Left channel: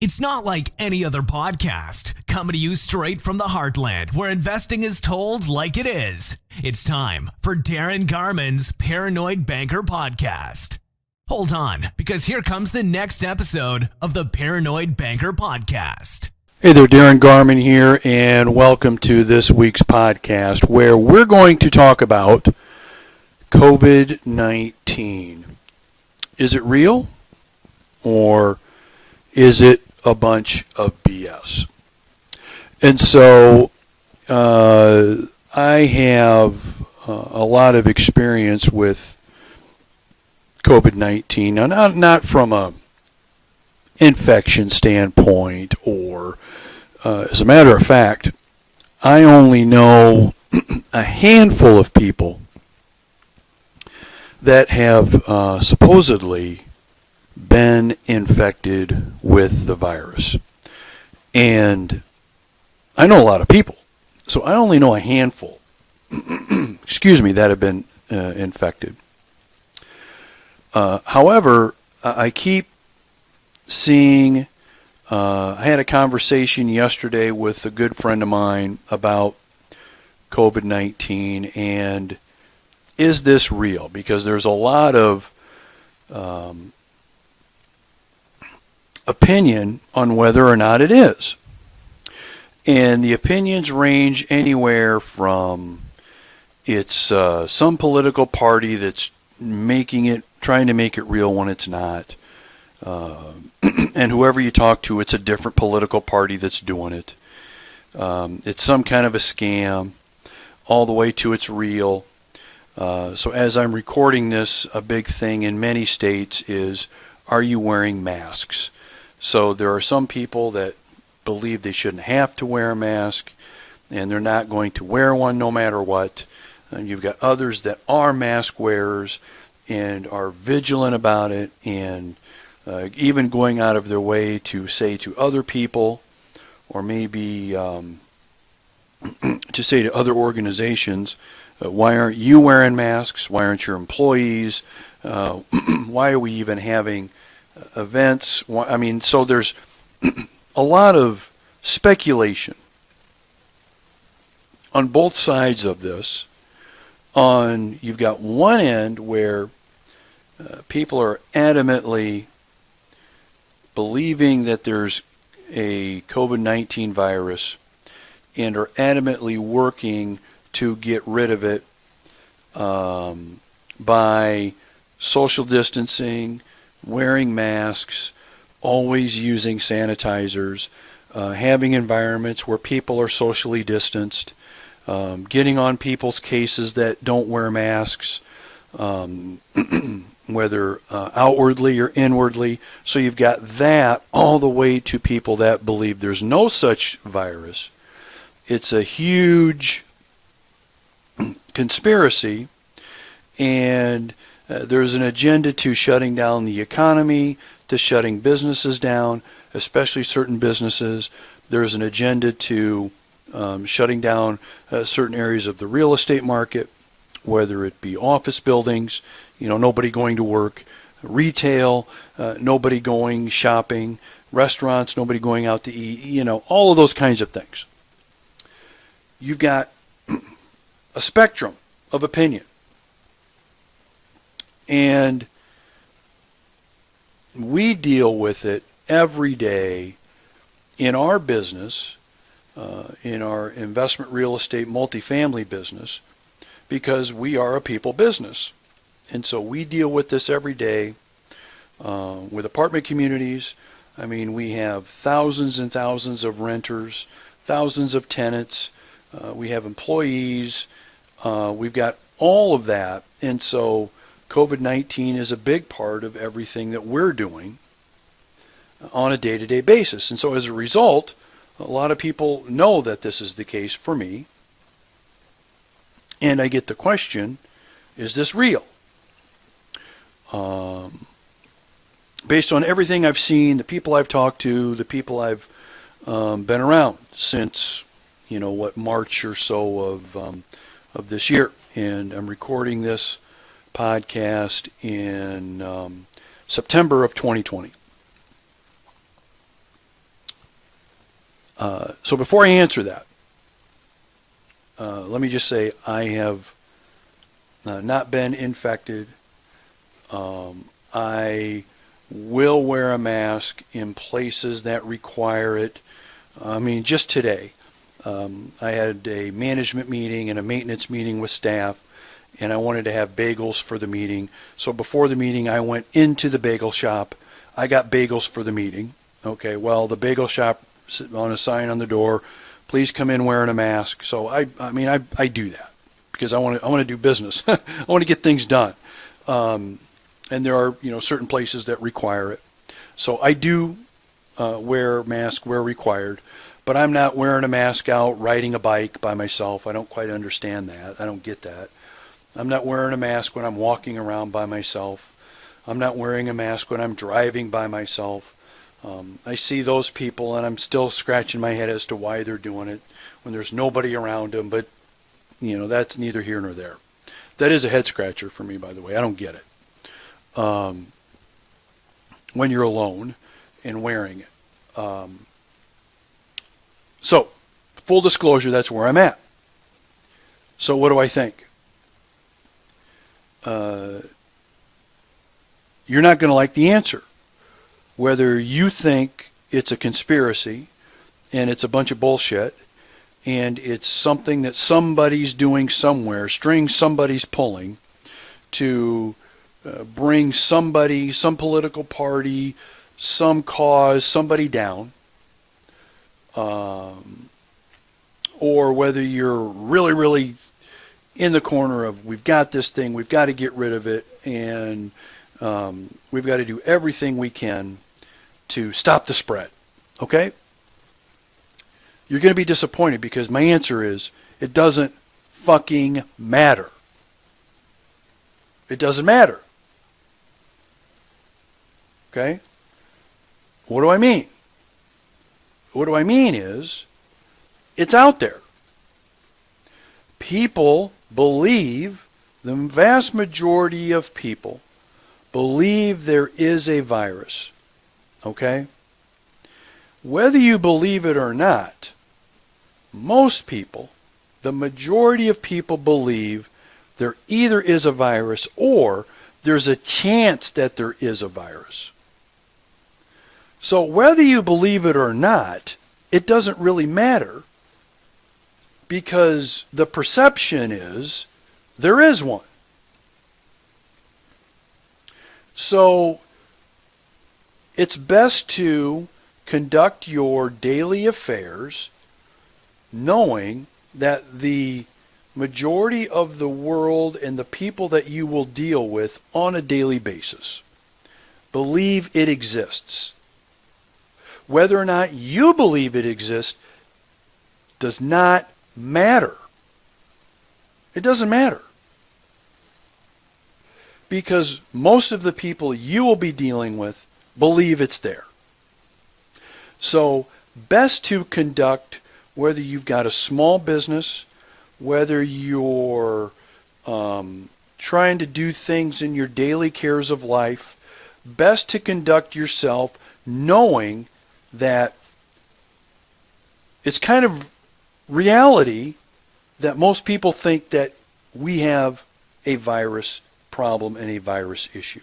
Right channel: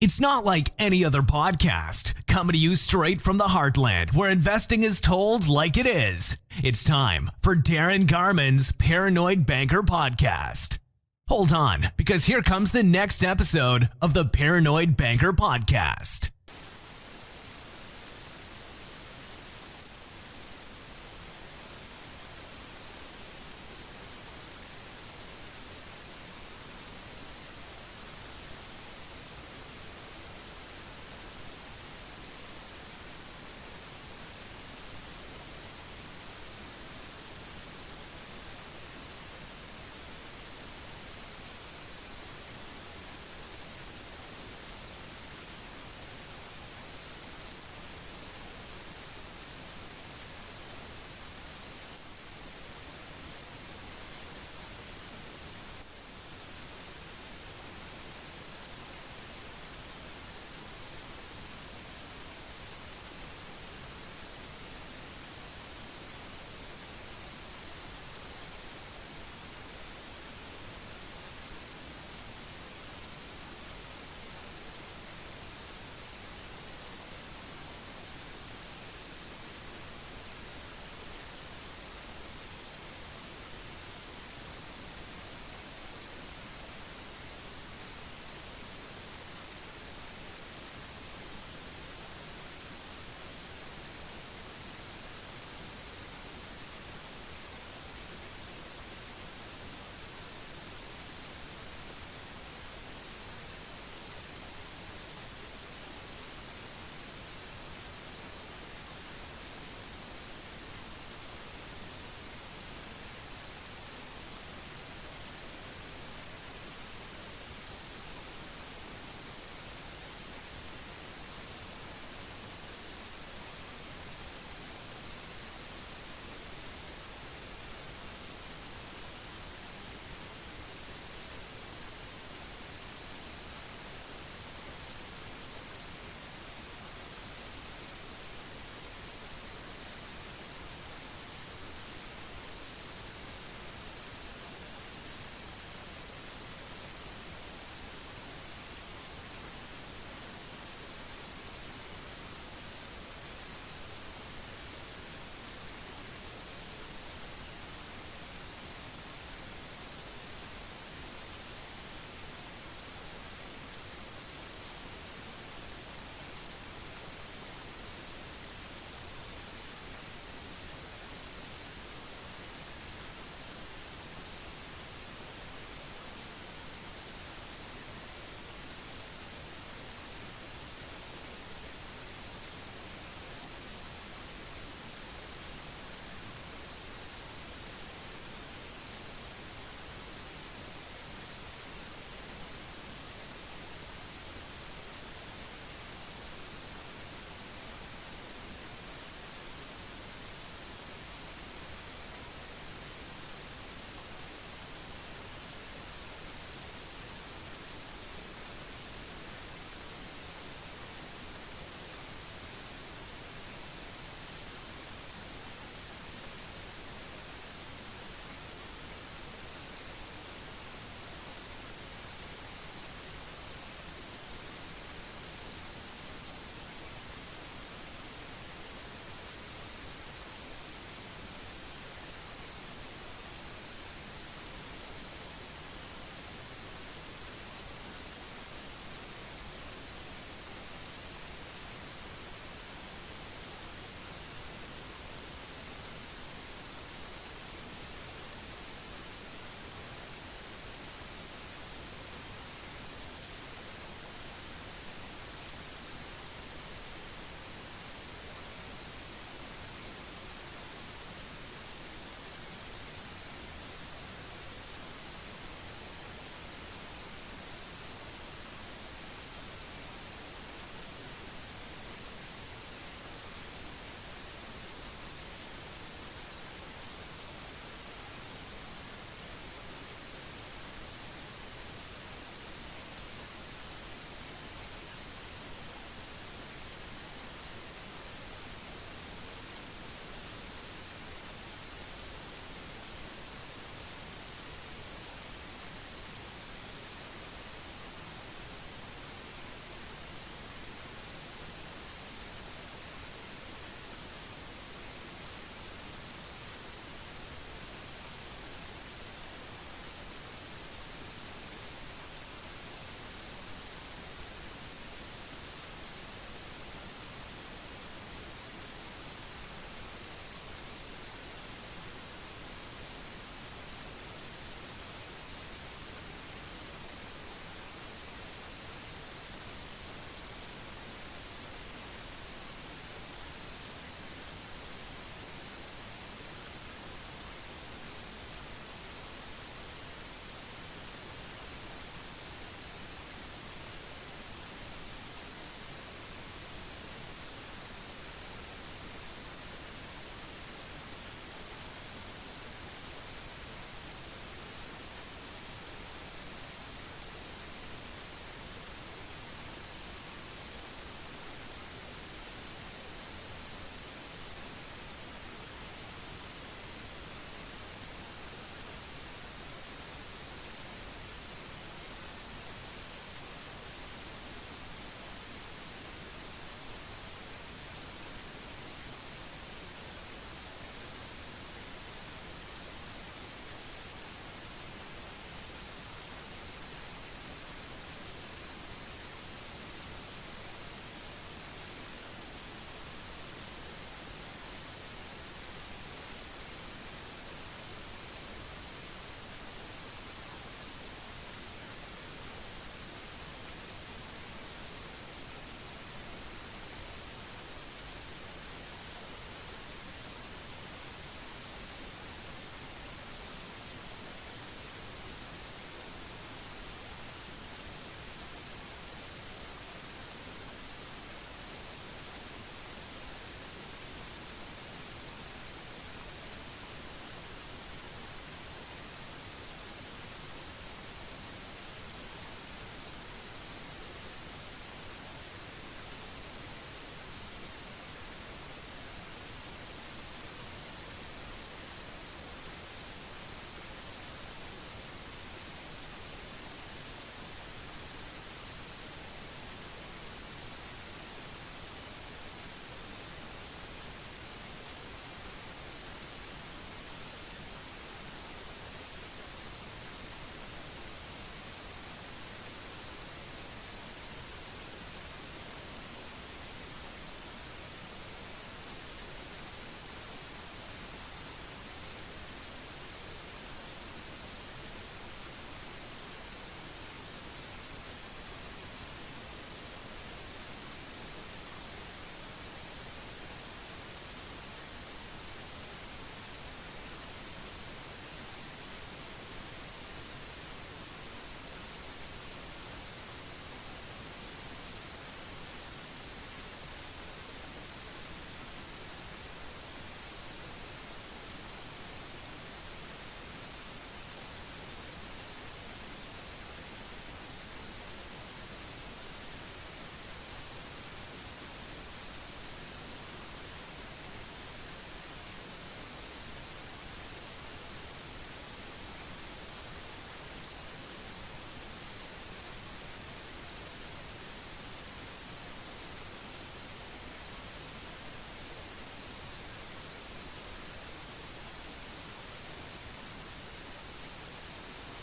It's not like any other podcast, coming to you straight from the heartland where investing is told like it is. It's time for Darin Garman's Paranoid Banker Podcast. Hold on, because here comes the next episode of the Paranoid Banker Podcast. Hey there, Darin Garman here, and welcome to this week's podcast where we're going to talk about COVID-19. Is it real, or is it a bunch of BS? And so I have a lot of experience with COVID-19. Now, not from a infection standpoint, or as a matter of fact, I only know a handful of people that have supposedly been infected with the virus. And I know a lot of people, so I only know a handful, that have been infected. However, I keep seeing, I had a conversation yesterday with a good friend of mine about COVID-19 and is this real? Because there's a lot of opinion on whether or not it is. And the opinions range anywhere from it's some political party that's trying to make it real when it's not. And whoever you talk to, it's a different political party that's doing it. It's some kind of a scam, all the way to it's real. So as I'm recording this, a big thing in many states is, are you wearing masks? So there are some people that believe they shouldn't have to wear a mask, and they're not going to wear one no matter what. And you've got others that are mask wearers and are vigilant about it, and even going out of their way to say to other people, or maybe to say to other organizations, why aren't you wearing masks? Why aren't your employees? Why are we even having events? So there's a lot of speculation on both sides of this. You've got one end where people are adamantly believing that there's a COVID-19 virus and are adamantly working to get rid of it by social distancing, wearing masks, always using sanitizers, having environments where people are socially distanced, getting on people's cases that don't wear masks, whether outwardly or inwardly. So you've got that all the way to people that believe there's no such virus. It's a huge conspiracy, and there's an agenda to shutting down the economy, to shutting businesses down, especially certain businesses. There's an agenda to shutting down certain areas of the real estate market, whether it be office buildings, nobody going to work, retail, nobody going shopping, restaurants, nobody going out to eat, all of those kinds of things. You've got a spectrum of opinion. And we deal with it every day in our business, in our investment real estate multifamily business, because we are a people business. And so we deal with this every day with apartment communities. We have thousands and thousands of renters, thousands of tenants. We have employees. We've got all of that. And so COVID-19 is a big part of everything that we're doing on a day-to-day basis. And so as a result, a lot of people know that this is the case for me. And I get the question, is this real? Based on everything I've seen, the people I've talked to, the people I've been around since, March or so of this year. And I'm recording this podcast in September of 2020. So before I answer that, let me just say I have not been infected. I will wear a mask in places that require it. I mean, just today, I had a management meeting and a maintenance meeting with staff, and I wanted to have bagels for the meeting. So before the meeting, I went into the bagel shop. I got bagels for the meeting. Okay, well, the bagel shop on a sign on the door, please come in wearing a mask. So I do that because I want to do business. I want to get things done. And there are certain places that require it. So I do wear masks where required, but I'm not wearing a mask out riding a bike by myself. I don't quite understand that. I don't get that. I'm not wearing a mask when I'm walking around by myself. I'm not wearing a mask when I'm driving by myself. I see those people, and I'm still scratching my head as to why they're doing it when there's nobody around them, but that's neither here nor there. That is a head scratcher for me, by the way. I don't get it. When you're alone and wearing it. So, full disclosure, that's where I'm at. So what do I think? You're not going to like the answer. Whether you think it's a conspiracy and it's a bunch of bullshit and it's something that somebody's doing somewhere, strings somebody's pulling to bring somebody, some political party, some cause, somebody down, or whether you're really, really in the corner of we've got this thing, we've got to get rid of it, and we've got to do everything we can to stop the spread. Okay? You're going to be disappointed because my answer is it doesn't fucking matter. It doesn't matter. Okay? What do I mean? What do I mean is it's out there. People believe, the vast majority of people believe there is a virus. Okay? Whether you believe it or not, most people, the majority of people believe there either is a virus or there's a chance that there is a virus. So whether you believe it or not, it doesn't really matter because the perception is there is one. So it's best to conduct your daily affairs knowing that the majority of the world and the people that you will deal with on a daily basis believe it exists. Whether or not you believe it exists does not matter. It doesn't matter. Because most of the people you will be dealing with believe it's there. So, best to conduct, whether you've got a small business, whether you're trying to do things in your daily cares of life, best to conduct yourself knowing that it's kind of reality that most people think that we have a virus problem and a virus issue.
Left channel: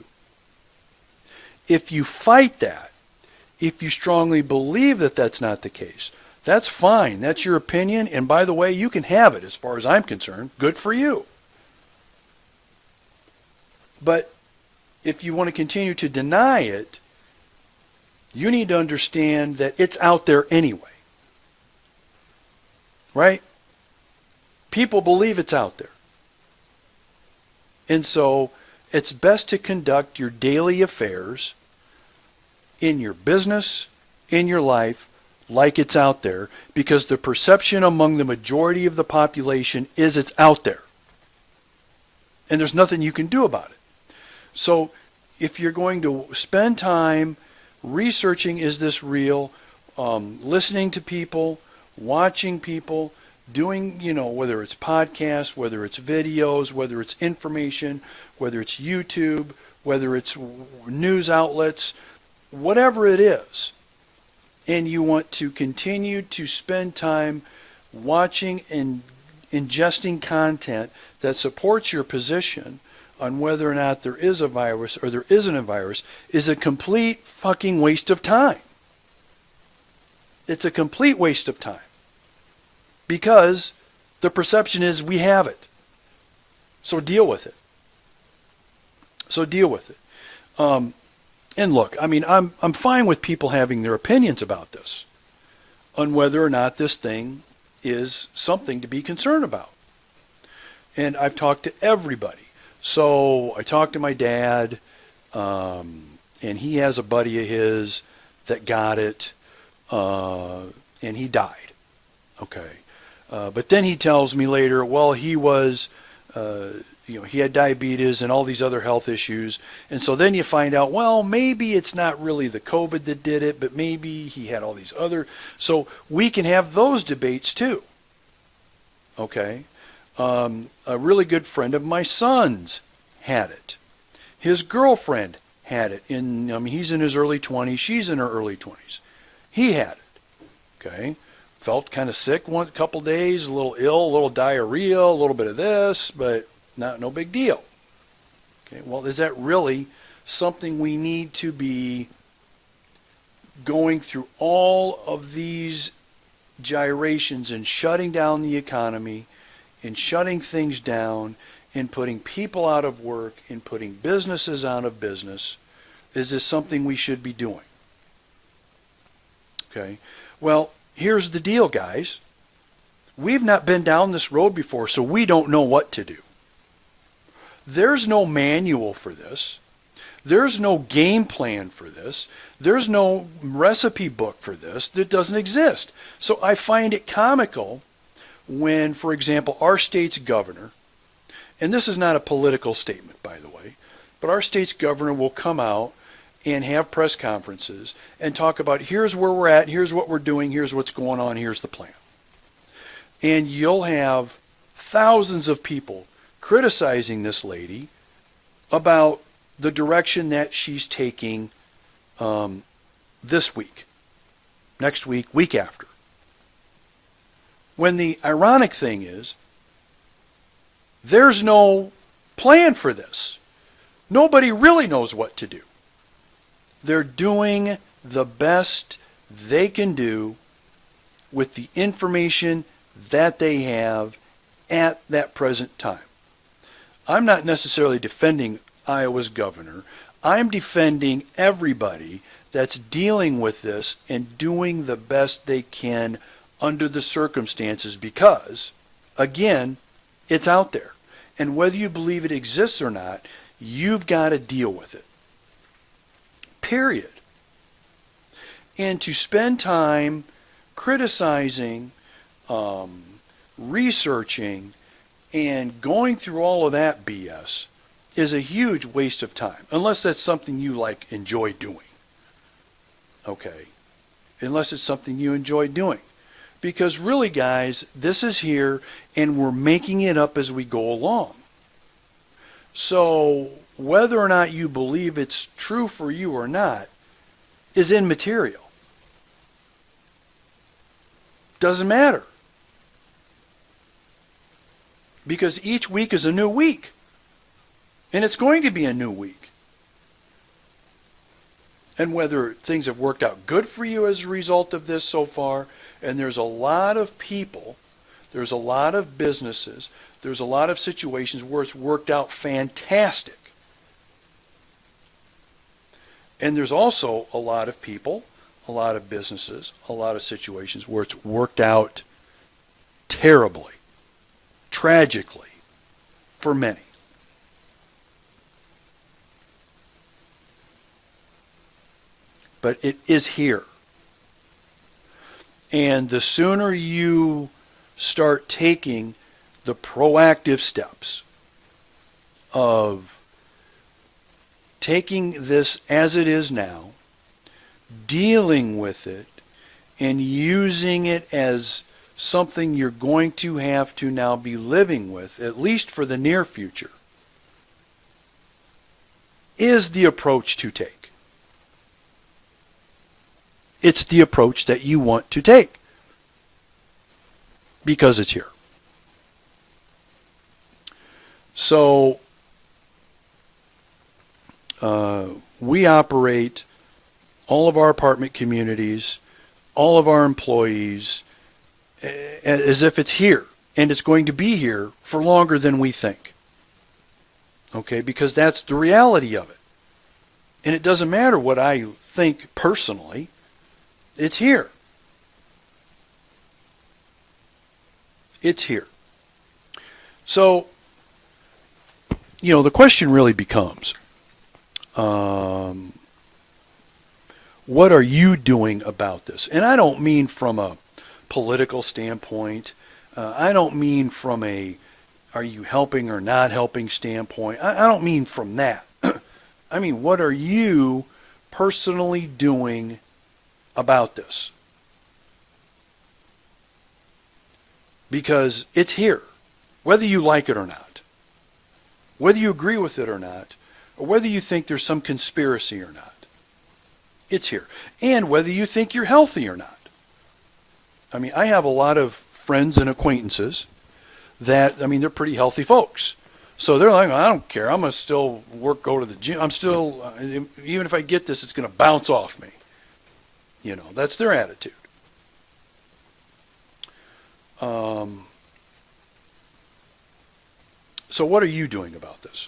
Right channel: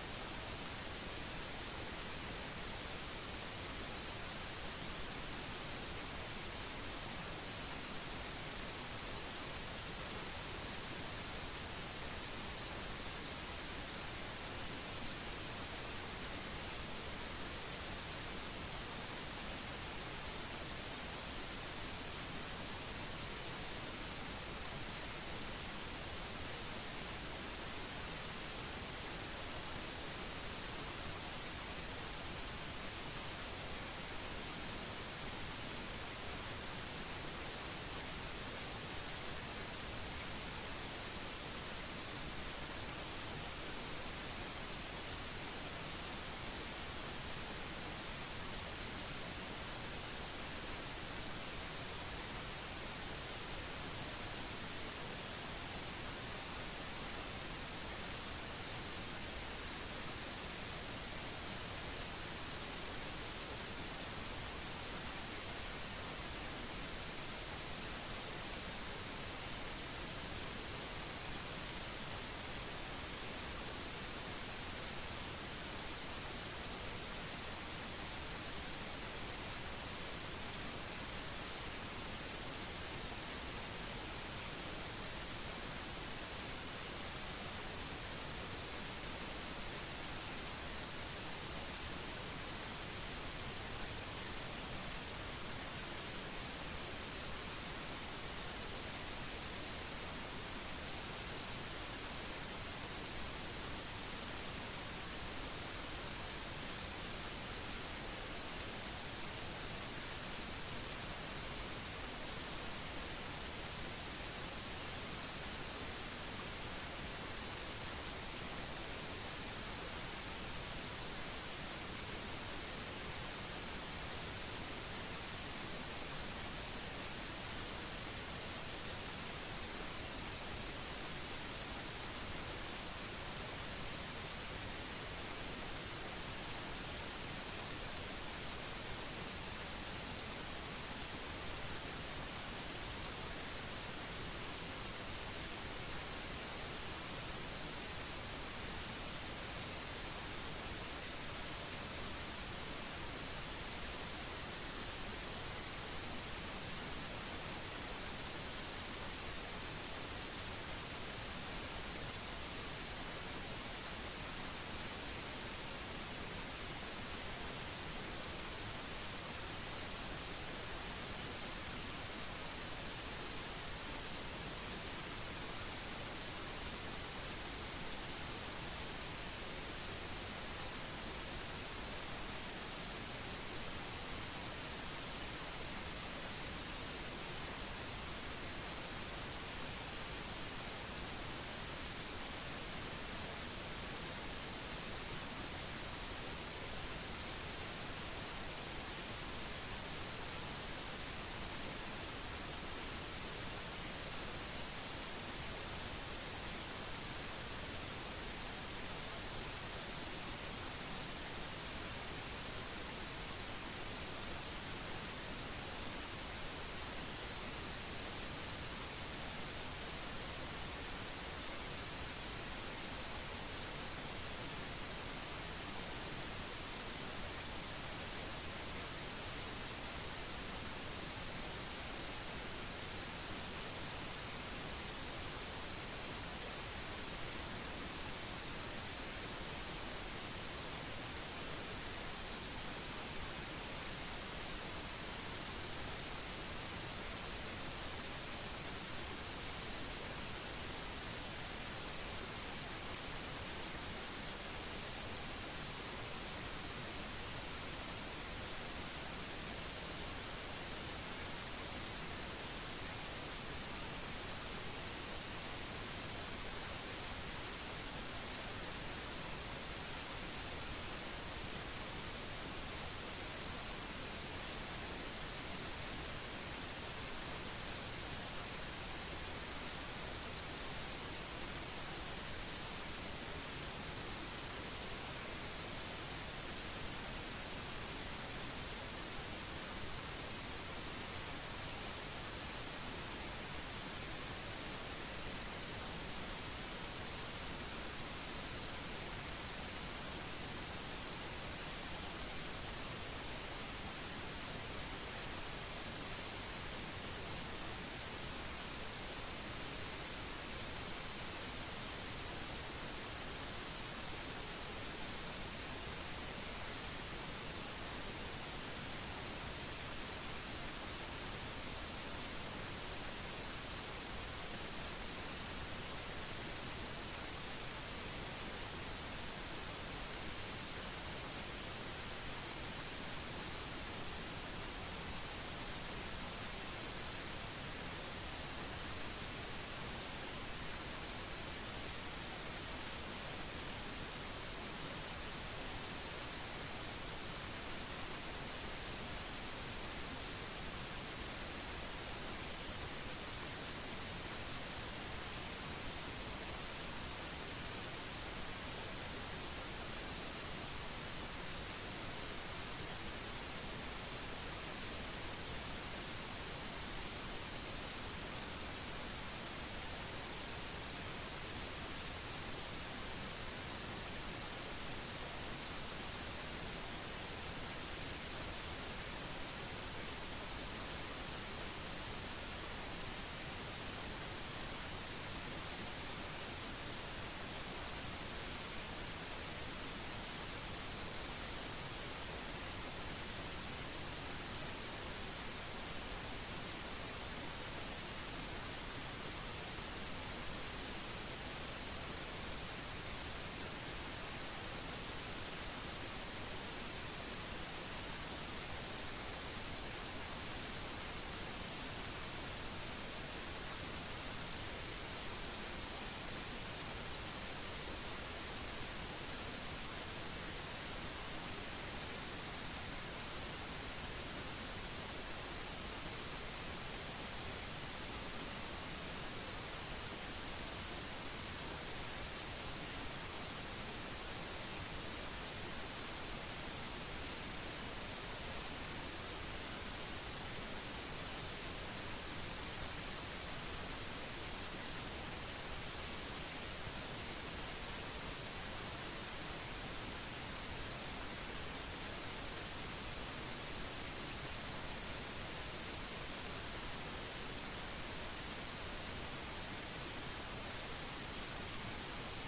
If you fight that, if you strongly believe that that's not the case, that's fine. That's your opinion. And by the way, you can have it as far as I'm concerned. Good for you. But if you want to continue to deny it, you need to understand that it's out there anyway. Right? People believe it's out there. And so it's best to conduct your daily affairs in your business, in your life, like it's out there, because the perception among the majority of the population is it's out there. And there's nothing you can do about it. So if you're going to spend time researching, is this real, listening to people, watching people, doing, whether it's podcasts, whether it's videos, whether it's information, whether it's YouTube, whether it's news outlets, whatever it is, and you want to continue to spend time watching and ingesting content that supports your position on whether or not there is a virus or there isn't a virus is a complete fucking waste of time. It's a complete waste of time because the perception is we have it. So deal with it. So deal with it. And look, I mean, I'm fine with people having their opinions about this, on whether or not this thing is something to be concerned about. And I've talked to everybody. So I talked to my dad, and he has a buddy of his that got it, and he died. Okay. But then he tells me later, well, he was, he had diabetes and all these other health issues. And so then you find out, well, maybe it's not really the COVID that did it, but maybe he had all these other. So we can have those debates too. Okay. A really good friend of my son's had it. His girlfriend had it. He's in his early 20s. She's in her early 20s. He had it. Okay. Felt kind of sick one couple days, a little ill, a little diarrhea, a little bit of this, but no big deal. Okay. Well, is that really something we need to be going through all of these gyrations and shutting down the economy and shutting things down and putting people out of work and putting businesses out of business? Is this something we should be doing? Okay. Well, here's the deal, guys. We've not been down this road before, so we don't know what to do. There's no manual for this. There's no game plan for this. There's no recipe book for this. That doesn't exist. So I find it comical when, for example, our state's governor, and this is not a political statement, by the way, but our state's governor will come out and have press conferences and talk about here's where we're at, here's what we're doing, here's what's going on, here's the plan. And you'll have thousands of people criticizing this lady about the direction that she's taking this week, next week, week after. When the ironic thing is, there's no plan for this. Nobody really knows what to do. They're doing the best they can do with the information that they have at that present time. I'm not necessarily defending Iowa's governor. I'm defending everybody that's dealing with this and doing the best they can under the circumstances because, again, it's out there. And whether you believe it exists or not, you've got to deal with it. Period. And to spend time criticizing, researching, and going through all of that BS is a huge waste of time, unless that's something you enjoy doing. Okay. Unless it's something you enjoy doing. Because really, guys, this is here and we're making it up as we go along. So whether or not you believe it's true for you or not is immaterial. Doesn't matter. Because each week is a new week. And it's going to be a new week. And whether things have worked out good for you as a result of this so far, and there's a lot of people, there's a lot of businesses, there's a lot of situations where it's worked out fantastic. And there's also a lot of people, a lot of businesses, a lot of situations where it's worked out terribly, tragically, for many. But it is here. And the sooner you start taking the proactive steps of taking this as it is now, dealing with it, and using it as something you're going to have to now be living with, at least for the near future, is the approach to take. It's the approach that you want to take because it's here. So we operate all of our apartment communities, all of our employees, as if it's here, and it's going to be here for longer than we think. Okay, because that's the reality of it. And it doesn't matter what I think personally, it's here. It's here. So, the question really becomes, what are you doing about this? And I don't mean from a political standpoint. I don't mean from a are you helping or not helping standpoint. I don't mean from that. I mean, what are you personally doing about this? Because it's here, whether you like it or not, whether you agree with it or not, or whether you think there's some conspiracy or not. It's here. And whether you think you're healthy or not. I mean, I have a lot of friends and acquaintances that, they're pretty healthy folks. So they're like, I don't care. I'm going to still go to the gym. I'm still, even if I get this, it's going to bounce off me. That's their attitude. So what are you doing about this?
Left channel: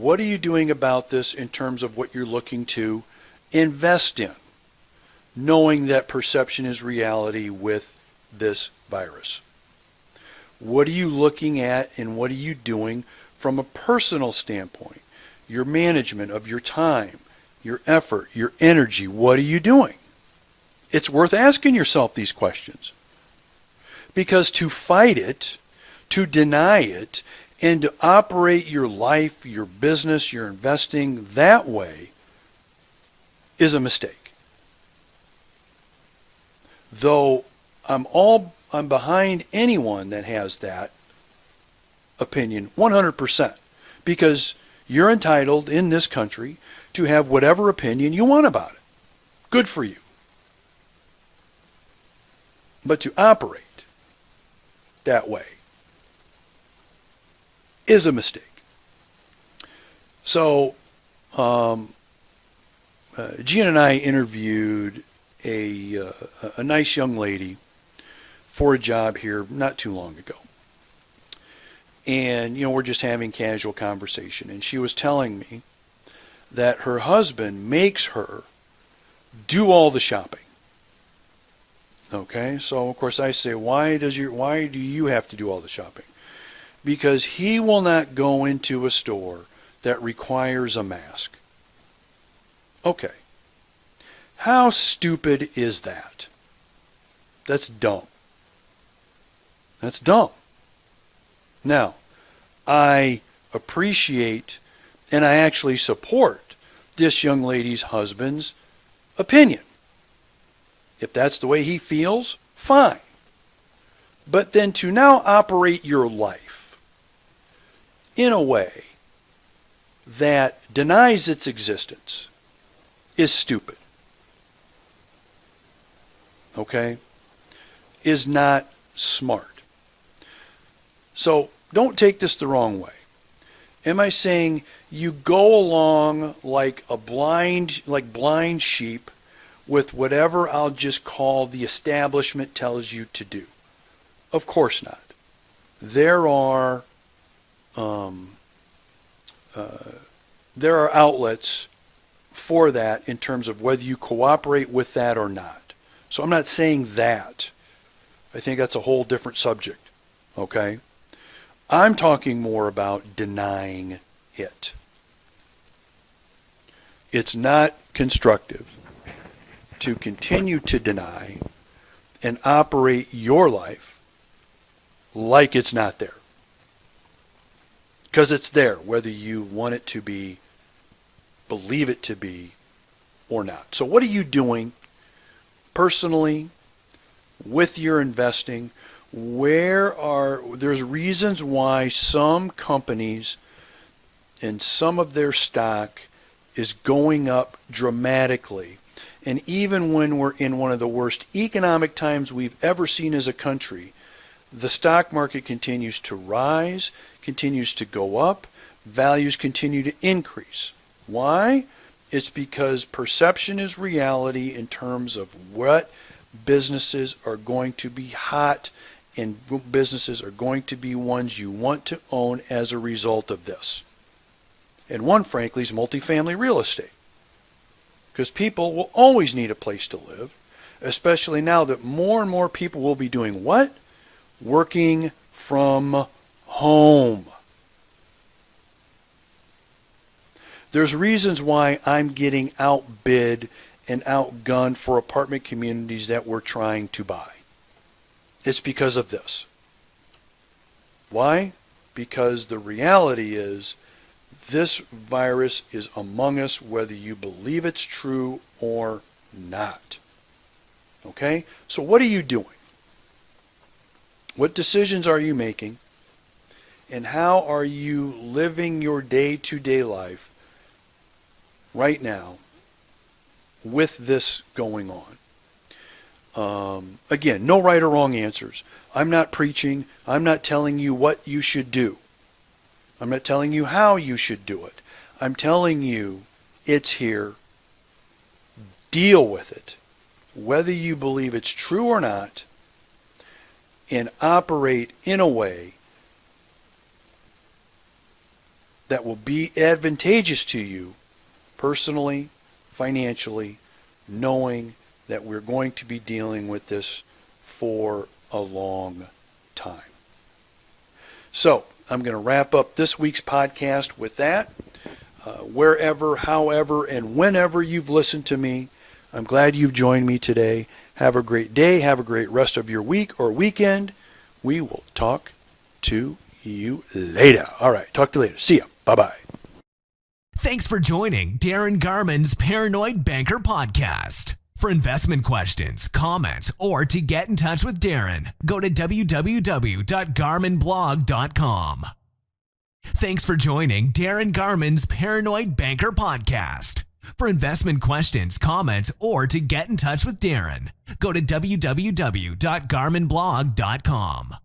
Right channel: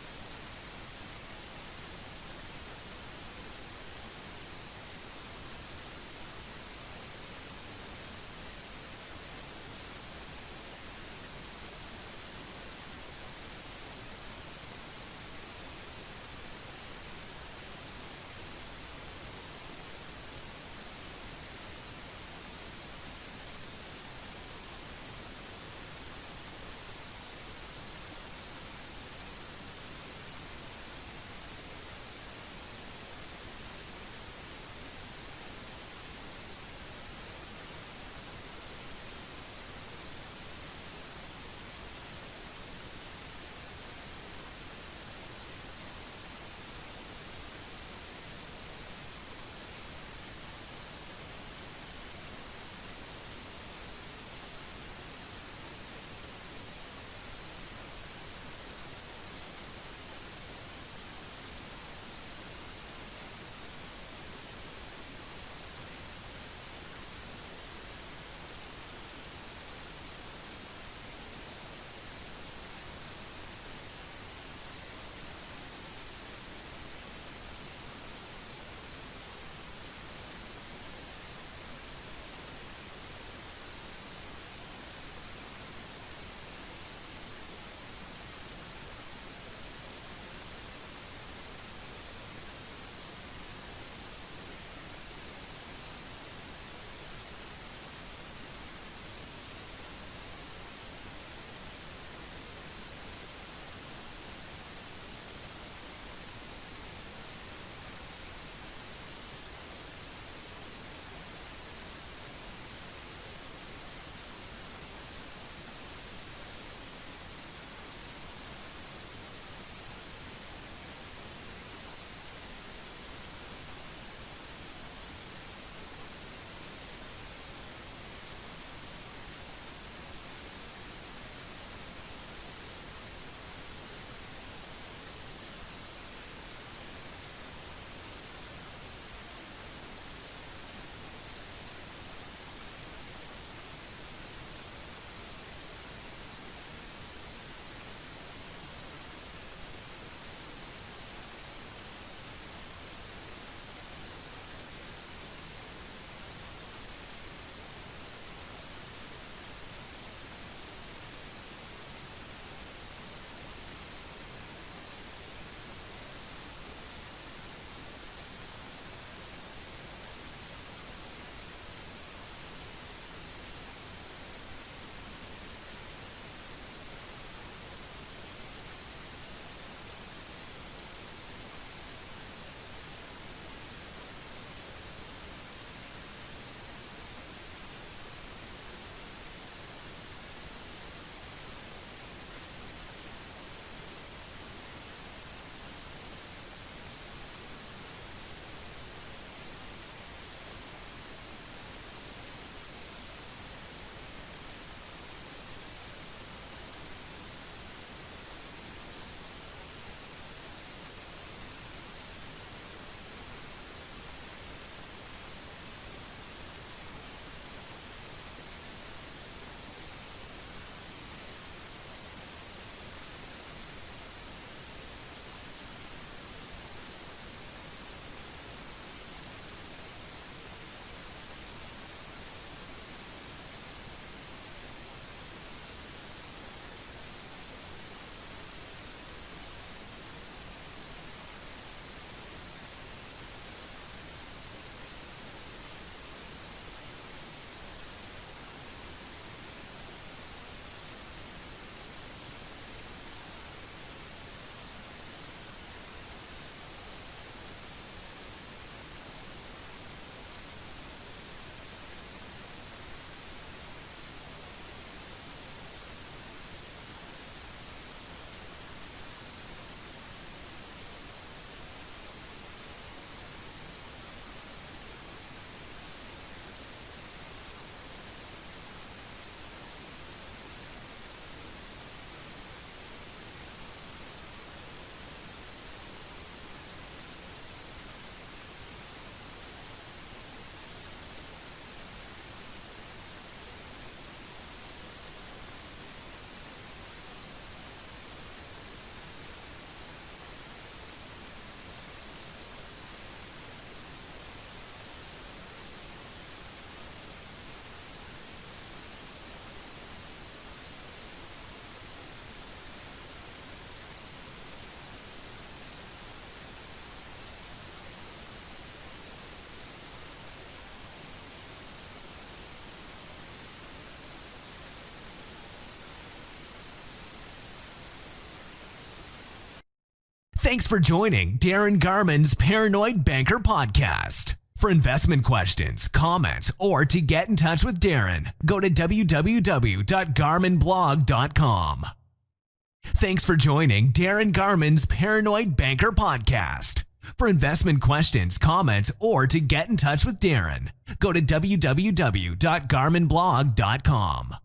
What are you doing about this in terms of what you're looking to invest in, knowing that perception is reality with this virus? What are you looking at and what are you doing from a personal standpoint? Your management of your time, your effort, your energy, what are you doing? It's worth asking yourself these questions. Because to fight it, to deny it, and to operate your life, your business, your investing that way is a mistake. Though I'm behind anyone that has that opinion 100%, because you're entitled in this country to have whatever opinion you want about it. Good for you. But to operate that way is a mistake. So, Gina and I interviewed a nice young lady for a job here not too long ago. And, we're just having casual conversation. And she was telling me that her husband makes her do all the shopping. Okay, so of course I say, why do you have to do all the shopping? Because he will not go into a store that requires a mask. Okay. How stupid is that? That's dumb. That's dumb. Now, I appreciate and I actually support this young lady's husband's opinion. If that's the way he feels, fine. But then to now operate your life in a way that denies its existence is stupid. Okay? Is not smart. So don't take this the wrong way. Am I saying you go along like blind sheep with whatever I'll just call the establishment tells you to do? Of course not. There are outlets for that in terms of whether you cooperate with that or not. So I'm not saying that. I think that's a whole different subject. Okay? I'm talking more about denying it. It's not constructive to continue to deny and operate your life like it's not there. Because it's there, whether you want it to be, believe it to be, or not. So what are you doing personally with your investing? There's reasons why some companies and some of their stock is going up dramatically And even when we're in one of the worst economic times we've ever seen as a country, the stock market continues to rise, continues to go up, values continue to increase. Why? It's because perception is reality in terms of what businesses are going to be hot and businesses are going to be ones you want to own as a result of this. And one, frankly, is multifamily real estate. Because people will always need a place to live, especially now that more and more people will be doing what? Working from home. There's reasons why I'm getting outbid and outgunned for apartment communities that we're trying to buy. It's because of this. Why? Because the reality is this virus is among us whether you believe it's true or not. Okay? So what are you doing? What decisions are you making? And how are you living your day-to-day life right now with this going on? Again, no right or wrong answers. I'm not preaching. I'm not telling you what you should do. I'm not telling you how you should do it. I'm telling you it's here. Deal with it, whether you believe it's true or not, and operate in a way that will be advantageous to you personally, financially, knowing that we're going to be dealing with this for a long time. So, I'm going to wrap up this week's podcast with that. Wherever, however, and whenever you've listened to me, I'm glad you've joined me today. Have a great day. Have a great rest of your week or weekend. We will talk to you later. All right. Talk to you later. See ya. Bye-bye. Thanks for joining Darin Garman's Paranoid Banker Podcast. For investment questions, comments, or to get in touch with Darin, go to www.garmanblog.com. Thanks for joining Darin Garman's Paranoid Banker Podcast. For investment questions, comments, or to get in touch with Darin, go to www.garmanblog.com.